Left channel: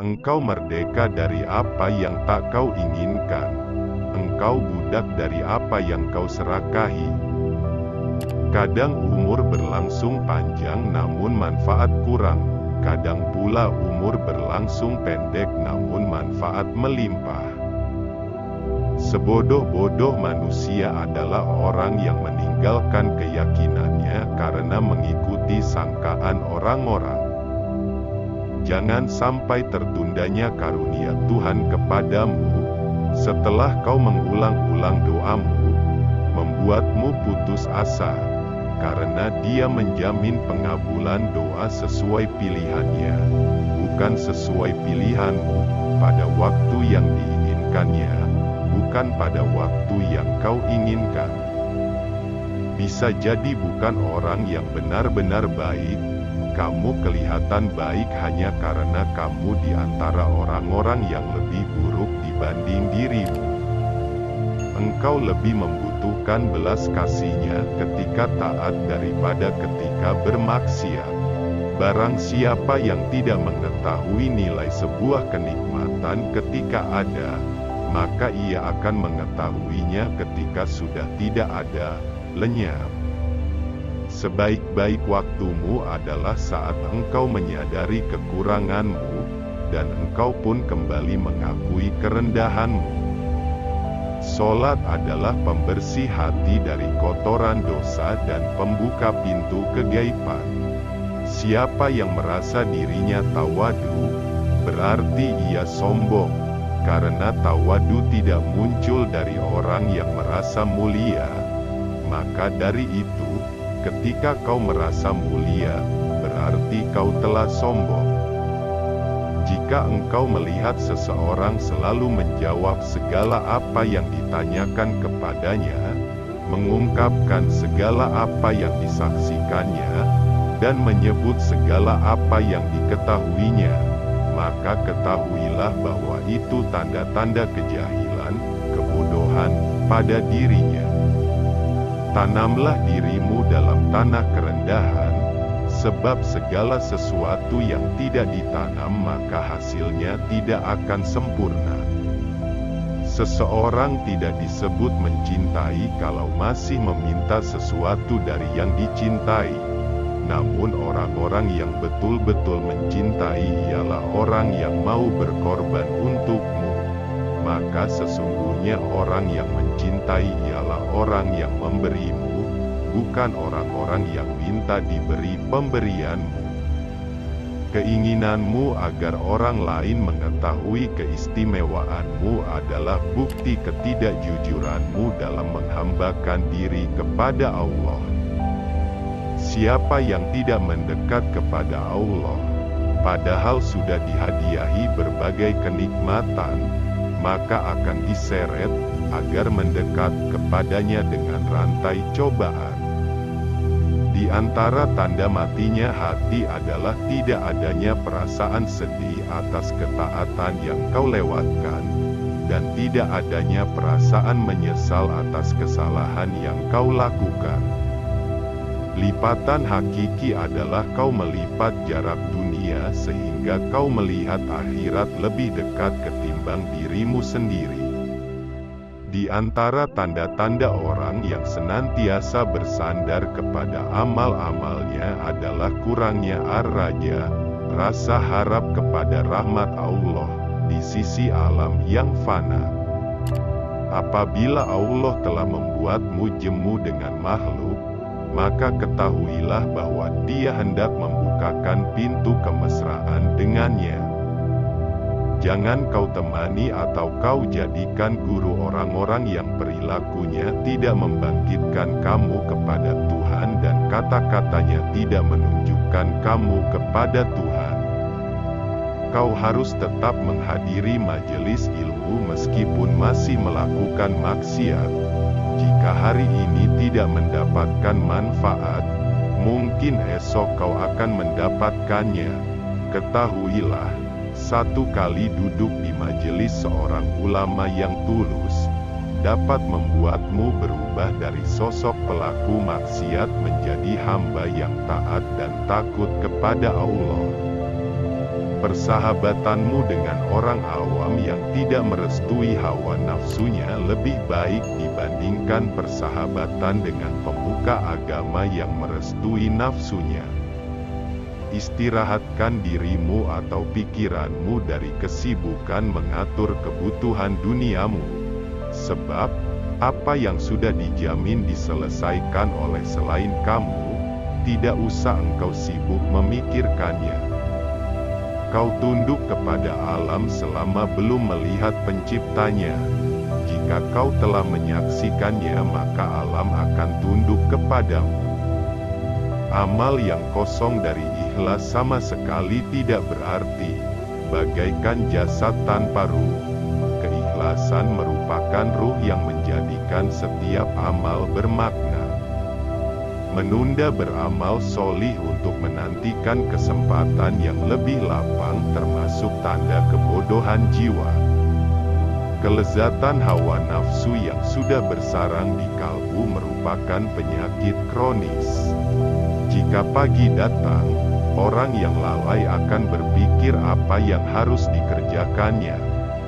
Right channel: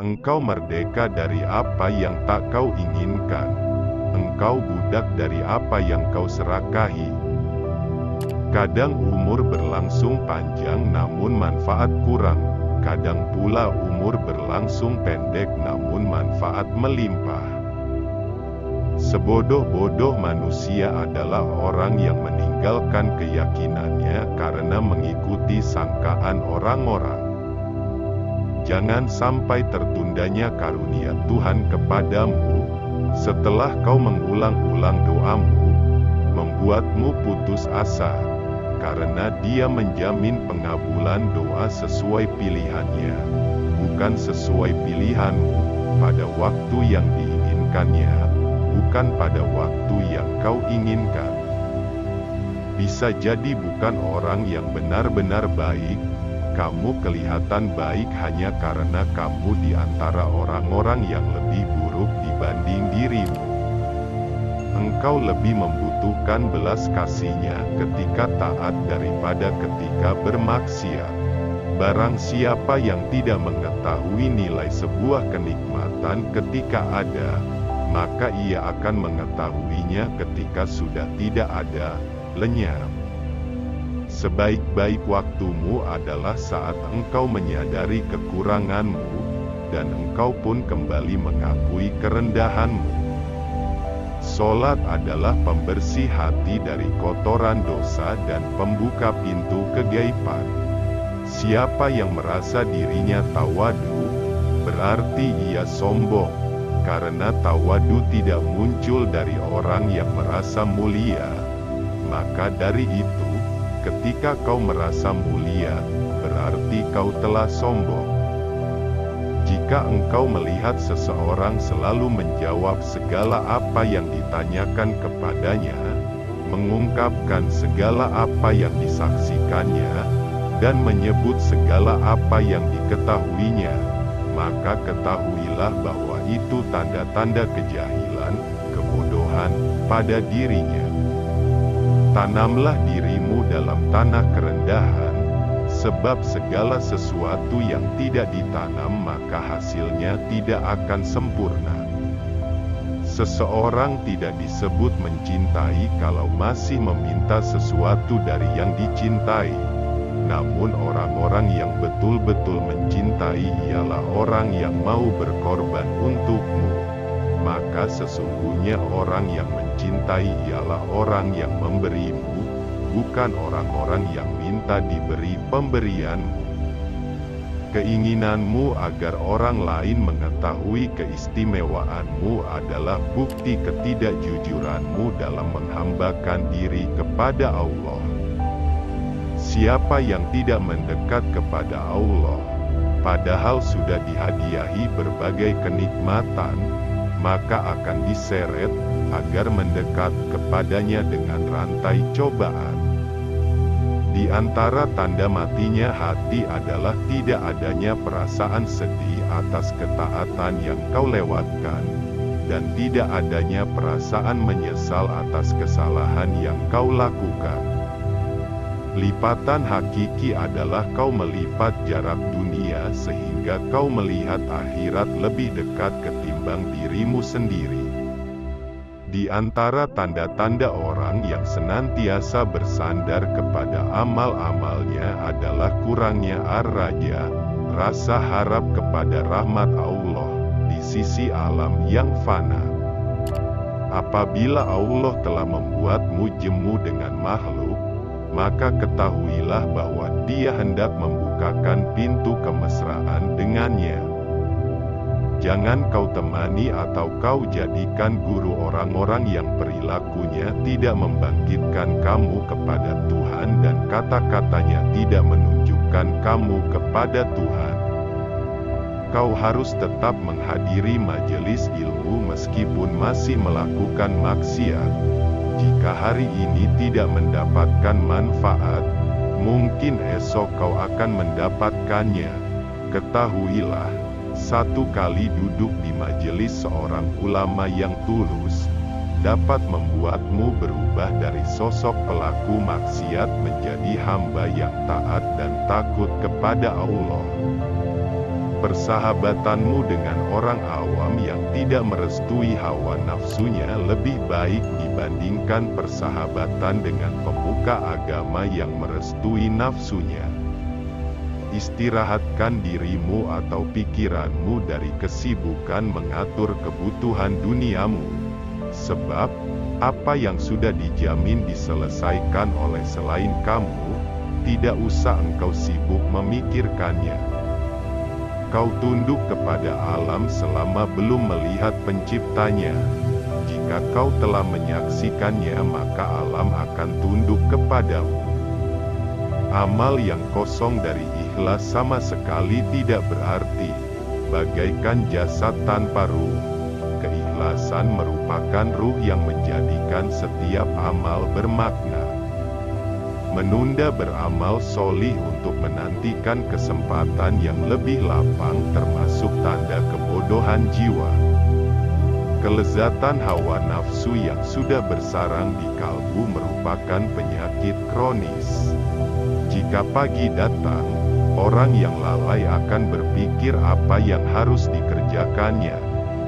Engkau merdeka dari apa yang tak kau inginkan. Engkau budak dari apa yang kau serakahi. Kadang umur berlangsung panjang namun manfaat kurang. Kadang pula umur berlangsung pendek namun manfaat melimpah. Sebodoh-bodoh manusia adalah orang yang meninggalkan keyakinannya karena mengikuti sangkaan orang-orang. Jangan sampai tertundanya karunia Tuhan kepadamu, setelah kau mengulang-ulang doamu, membuatmu putus asa, karena Dia menjamin pengabulan doa sesuai pilihannya, bukan sesuai pilihanmu, pada waktu yang diinginkannya, bukan pada waktu yang kau inginkan. Bisa jadi bukan orang yang benar-benar baik, kamu kelihatan baik hanya karena kamu di antara orang-orang yang lebih buruk dibanding dirimu. Engkau lebih membutuhkan belas kasih-Nya ketika taat daripada ketika bermaksiat. Barang siapa yang tidak mengetahui nilai sebuah kenikmatan ketika ada, maka ia akan mengetahuinya ketika sudah tidak ada, lenyap. Sebaik-baik waktumu adalah saat engkau menyadari kekuranganmu, dan engkau pun kembali mengakui kerendahanmu. Salat adalah pembersih hati dari kotoran dosa dan pembuka pintu kegaiban. Siapa yang merasa dirinya tawadu, berarti ia sombong. Karena tawadu tidak muncul dari orang yang merasa mulia, maka dari itu, ketika kau merasa mulia, berarti kau telah sombong. Jika engkau melihat seseorang selalu menjawab segala apa yang ditanyakan kepadanya, mengungkapkan segala apa yang disaksikannya, dan menyebut segala apa yang diketahuinya, maka ketahuilah bahwa itu tanda-tanda kejahilan, kebodohan, pada dirinya. Tanamlah dirimu dalam tanah kerendahan, sebab segala sesuatu yang tidak ditanam maka hasilnya tidak akan sempurna. Seseorang tidak disebut mencintai kalau masih meminta sesuatu dari yang dicintai. Namun orang-orang yang betul-betul mencintai ialah orang yang mau berkorban untukmu. Maka sesungguhnya orang yang mencintai ialah orang yang memberimu, bukan orang-orang yang minta diberi pemberianmu. Keinginanmu agar orang lain mengetahui keistimewaanmu adalah bukti ketidakjujuranmu dalam menghambakan diri kepada Allah. Siapa yang tidak mendekat kepada Allah, padahal sudah dihadiahi berbagai kenikmatan, maka akan diseret agar mendekat kepadanya dengan rantai cobaan. Di antara tanda matinya hati adalah tidak adanya perasaan sedih atas ketaatan yang kau lewatkan, dan tidak adanya perasaan menyesal atas kesalahan yang kau lakukan. Lipatan hakiki adalah kau melipat jarak dunia sehingga kau melihat akhirat lebih dekat ketimbang dirimu sendiri. Di antara tanda-tanda orang yang senantiasa bersandar kepada amal-amalnya adalah kurangnya ar-raja, rasa harap kepada rahmat Allah di sisi alam yang fana. Apabila Allah telah membuatmu jemu dengan makhluk, maka ketahuilah bahwa Dia hendak membukakan pintu kemesraan dengannya. Jangan kau temani atau kau jadikan guru orang-orang yang perilakunya tidak membangkitkan kamu kepada Tuhan dan kata-katanya tidak menunjukkan kamu kepada Tuhan. Kau harus tetap menghadiri majelis ilmu meskipun masih melakukan maksiat. Jika hari ini tidak mendapatkan manfaat, mungkin esok kau akan mendapatkannya. Ketahuilah, satu kali duduk di majelis seorang ulama yang tulus, dapat membuatmu berubah dari sosok pelaku maksiat menjadi hamba yang taat dan takut kepada Allah. persahabatanmu dengan orang awam yang tidak merestui hawa nafsunya lebih baik dibandingkan persahabatan dengan pemuka agama yang merestui nafsunya. Istirahatkan dirimu atau pikiranmu dari kesibukan mengatur kebutuhan duniamu, sebab apa yang sudah dijamin diselesaikan oleh selain kamu, tidak usah engkau sibuk memikirkannya. Kau tunduk kepada alam selama belum melihat penciptanya. Jika kau telah menyaksikannya, maka alam akan tunduk kepadamu. Amal yang kosong dari ikhlas sama sekali tidak berarti, bagaikan jasad tanpa ruh. Keikhlasan merupakan ruh yang menjadikan setiap amal bermakna. Menunda beramal solih untuk menantikan kesempatan yang lebih lapang termasuk tanda kebodohan jiwa. Kelezatan hawa nafsu yang sudah bersarang di kalbu merupakan penyakit kronis. Jika pagi datang, orang yang lalai akan berpikir apa yang harus dikerjakannya,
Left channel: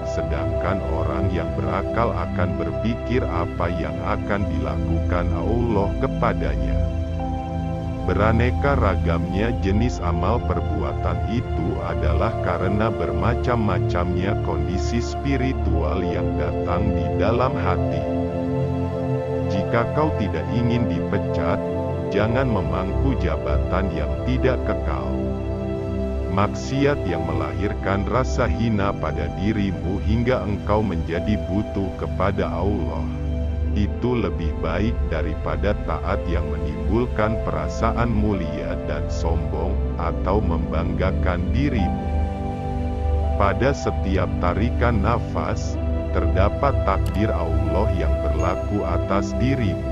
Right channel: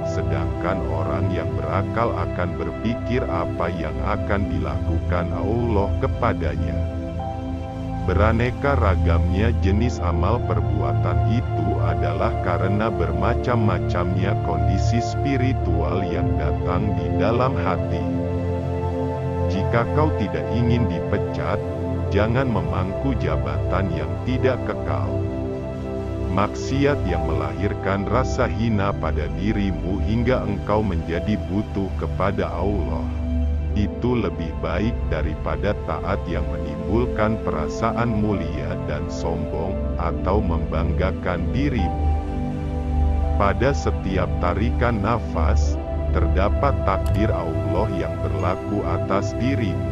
sedangkan orang yang berakal akan berpikir apa yang akan dilakukan Allah kepadanya. Beraneka ragamnya jenis amal perbuatan itu adalah karena bermacam-macamnya kondisi spiritual yang datang di dalam hati. Jika kau tidak ingin dipecat, jangan memangku jabatan yang tidak kekal. Maksiat yang melahirkan rasa hina pada dirimu hingga engkau menjadi butuh kepada Allah, itu lebih baik daripada taat yang menimbulkan perasaan mulia dan sombong atau membanggakan dirimu. Pada setiap tarikan nafas, terdapat takdir Allah yang berlaku atas dirimu.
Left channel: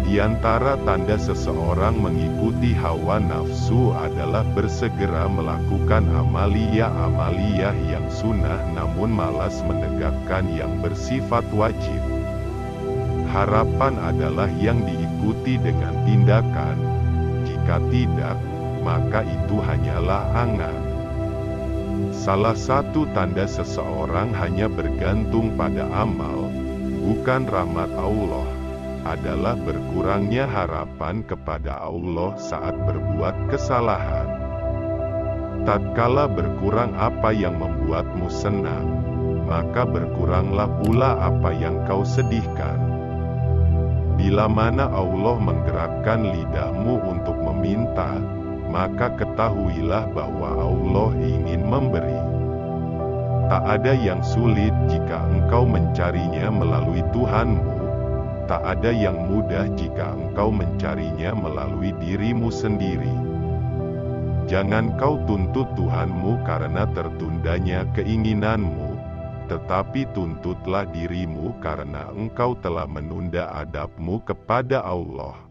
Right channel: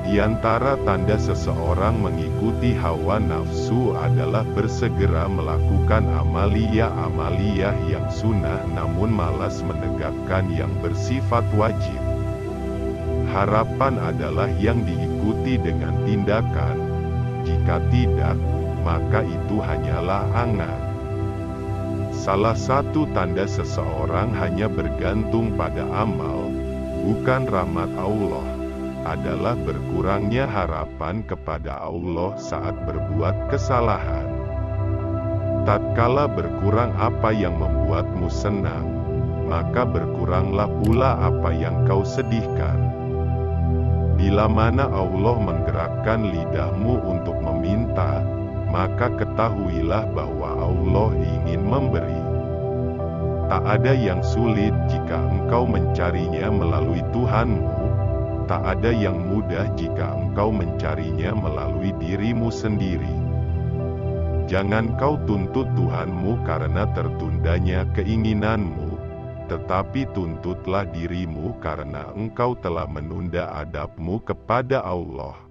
Di antara tanda seseorang mengikuti hawa nafsu adalah bersegera melakukan amaliyah-amaliyah yang sunnah namun malas menegakkan yang bersifat wajib. Harapan adalah yang diikuti dengan tindakan. Jika tidak, maka itu hanyalah angan. Salah satu tanda seseorang hanya bergantung pada amal, bukan rahmat Allah, adalah berkurangnya harapan kepada Allah saat berbuat kesalahan. Tatkala berkurang apa yang membuatmu senang, maka berkuranglah pula apa yang kau sedihkan. Bila mana Allah menggerakkan lidahmu untuk meminta, maka ketahuilah bahwa Allah ingin memberi. Tak ada yang sulit jika engkau mencarinya melalui Tuhanmu. Tak ada yang mudah jika engkau mencarinya melalui dirimu sendiri. Jangan kau tuntut Tuhanmu karena tertundanya keinginanmu, tetapi tuntutlah dirimu karena engkau telah menunda adabmu kepada Allah.